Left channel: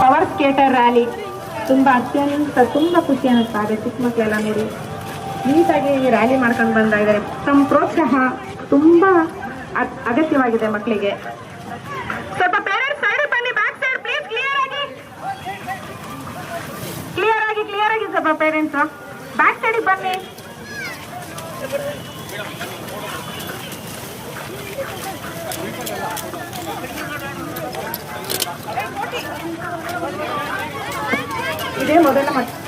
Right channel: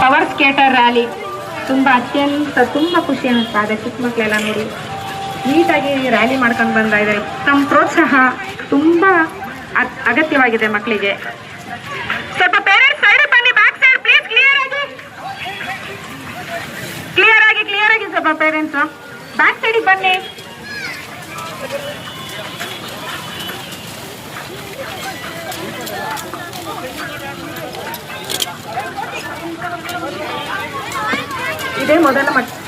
Power skater rally ತುಂಬಾ ತುಂಬಾ ಖುಷಿ ಅನ್ನಿಸ್ತಾ ಇದೆ. ಚಿಕ್ಕ ಮಕ್ಕಳೆಲ್ಲ ನೋಡಿ ನೀಟಾಗಿ ರ್ಯಾಲಿ ಮಾಡ್ಕೊಂಡು ಬಂದ ಇದ್ದಾರೆ. ತಮ್ಮ ಪ್ರೋತ್ಸಾಹ ತುಂಬಾ ಅಗತ್ಯವಾಗಿದೆ ಮಕ್ಕಳಿಗೆ. ಸ್ವಲ್ಪ ಪೇರೆಂಟ್ಸ್ ಸೈಡ್ ಬನ್ನಿ, ಬ್ಯಾಕ್ ಸೈಡ್ ಪ್ಲೀಸ್. ಕ್ಲಿಯರ್ ಆಗಿ ಸ್ವಲ್ಪ ಪೇರೆಂಟ್ಸ್ ಬ್ಯಾಕ್ ಸೈಡ್ ಬನ್ನಿ. ಇದೇ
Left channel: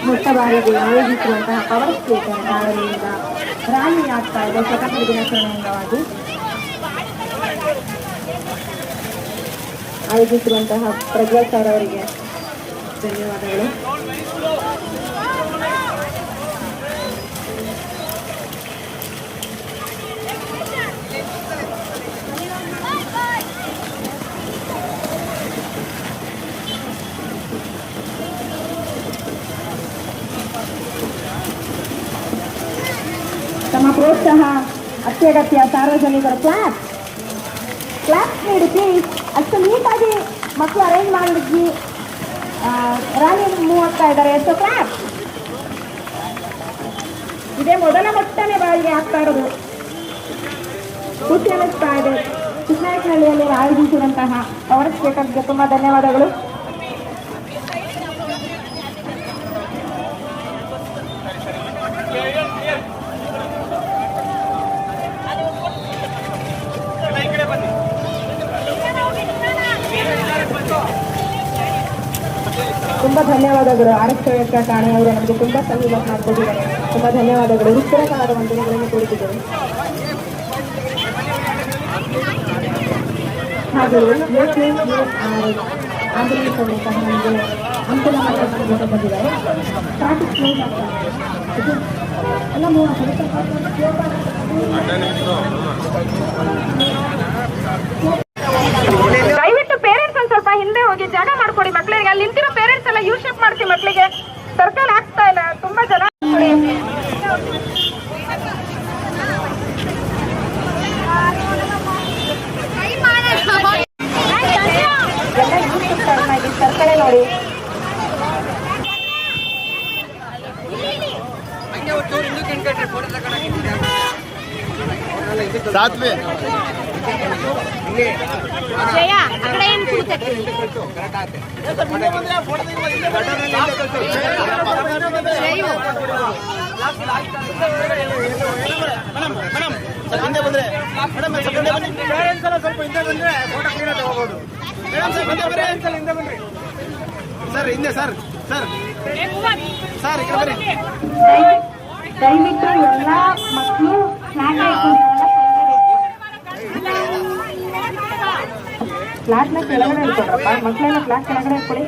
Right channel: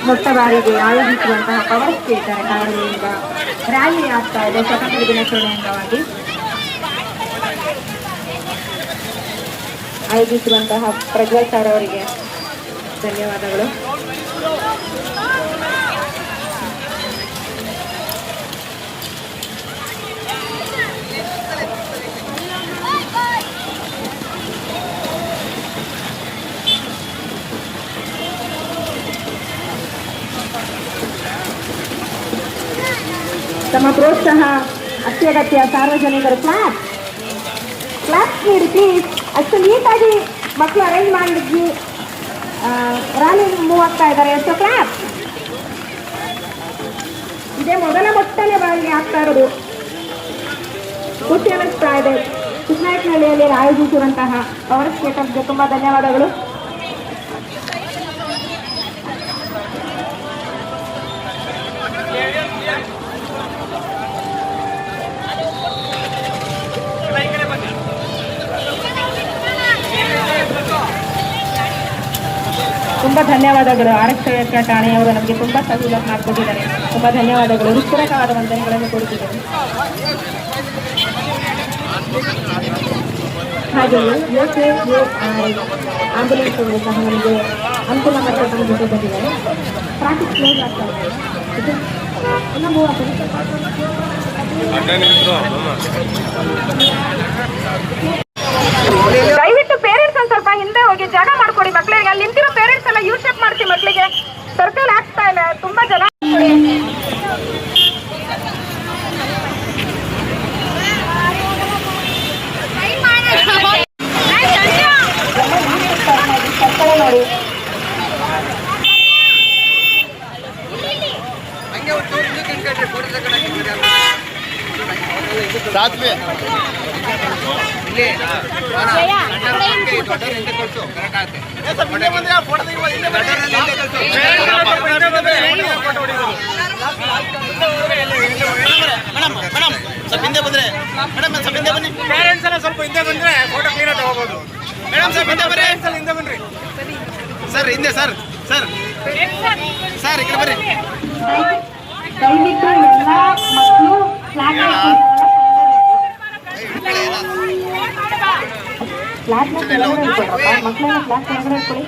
ಮೊಟ್ಟ ಬಾರಿಗೆ ಆಯೋಜಿಸುವಂತಹ ಪವರ್ ಸ್ಕೇಟರ್ ಕಾರಣದಿಂದ ರ್ಯಾಲಿ ಆಗ್ತಾ ಇದೆ. ಸ್ವತಂತ್ರ ದಿನಾಚರಣೆ ಅಂಗವಾಗಿ ಆಯೋಜಿಸುವಂತಹ ಪ್ರಜ್ವಲ್ ಸರ್ ಅವರಿಗೆ ಧನ್ಯವಾದಗಳು. ತಮ್ಮ ಪ್ರೋತ್ಸಾಹ ಅತ್ಯಗತ್ಯ. ಸಾರ್ವಜನಿಕರು ಕ್ಲಾಸ್ ನೀಡಿ ಪ್ಲೀಸ್. ಅಷ್ಟು ನೀಟಾಗಿ ಮಕ್ಕಳು ಅರೇಂಜ್ ಮಾಡಿದ್ವಿ. ರ್ಯಾಲಿ ಮೂವ್ ಆಗ್ತಾ ಇದ್ದಾರೆ. So class. ಇದೇ ಮೊಟ್ಟನೇ ಬಾರಿಗೆ ಆಗ್ತಾ ಇರೋದು. ಖುಷಿ ಅನ್ನಿಸ್ತಾ ಇದೆ. ಚಿಕ್ಕನಾಯಕನಹಳ್ಳಿಯಲ್ಲಿ ಆಯೋಜಿಸಿರುವಂತಹ ಪವರ್ ಸ್ಕೇಟರ್ಗೆ ತುಂಬಾ ಧನ್ಯವಾದಗಳು. ತುಂಬಾ ಧನ್ಯವಾದಗಳು. ಆರಕ್ಷಕ ಠಾಣೆಯವರು ನಮಗೆ ತುಂಬಾ ಸಹಯೋಗ ಮಾಡಿಕೊಟ್ಟಿದ್ದಾರೆ. ತುಂಬಾ ಧನ್ಯವಾದಗಳು. ಹೃತ್ಪೂರ್ವಕವಾದ ವಂದನೆಗಳನ್ನು ಕೊಡುತ್ತಿದ್ದಾರೆ. ಹಾಗೆಯೇ ಆಂಬುಲೆನ್ಸ್ ಅವರು ಸಹ ನಮಗೆ ಅಂತಿಮ ಹಂತದಲ್ಲಿ ಜೊತೆ ಬಂದಿದ್ದಾರೆ. ಟ್ರಾಫಿಕ್ ಕ್ಲೋಸ್ ಆಗ್ತಾ ಇದೆ. ಎಲ್ಲ ಮೂವ್ ದಯವಿಟ್ಟು ಪೇರೆಂಟ್ಸ್ ಒಂದು ಸ್ವಲ್ಪ ಹಿಂದೆ ಹೋಗಿ ಜಾಗ ಮಾಡ್ಕೊಡಿ ಮಕ್ಕಳಿಗೆ. ಅಲ್ಲಿ ನಿಂತಿರೋ ಪೇರೆಂಟ್ಸ್ ಎಲ್ಲ ಯೂ ಶೇಪ್ ಮಾಡ್ತೀವಿ ಮಕ್ಕಳಿಗೆ. ಸರ್ಕಲ್ ಆಗ್ತಾ ಇಲ್ಲ, ತುಂಬಾ ಜನ. ಸರ್ಕಲ್ ನೋಡಿ. ಸ್ವಲ್ಪ ಹಿಂದೆ ಬಂದ್ರೆ ಫೋಟೋ ಕ್ಲೀನ್ ತಗೋಬಹುದು. ಮೇಡಮ್ ಸರ್ ಹಿಂದೆ ಬರ್ರಿ. ಹಿಂದೆ ಬನ್ರಿ ಸರ್. ಹಿಂದೆ ಸರ್ ಸರ್ ಸರ್ ಈ ಕಡೆ ಬರ್ರಿ. ದಯವಿಟ್ಟು ಎಲ್ಲ ಮಕ್ಕಳು ಕ್ಲಾಸ್ನ ಕೆಳಗಡೆ ಇಟ್ಕೊಳ್ರಪ್ಪ. ಮಕ್ಕಳೆಲ್ಲ ಕ್ಲಾಸ್ ಕೆಳಗಡೆ ಇಟ್ಕೊಳ್ಳಿ.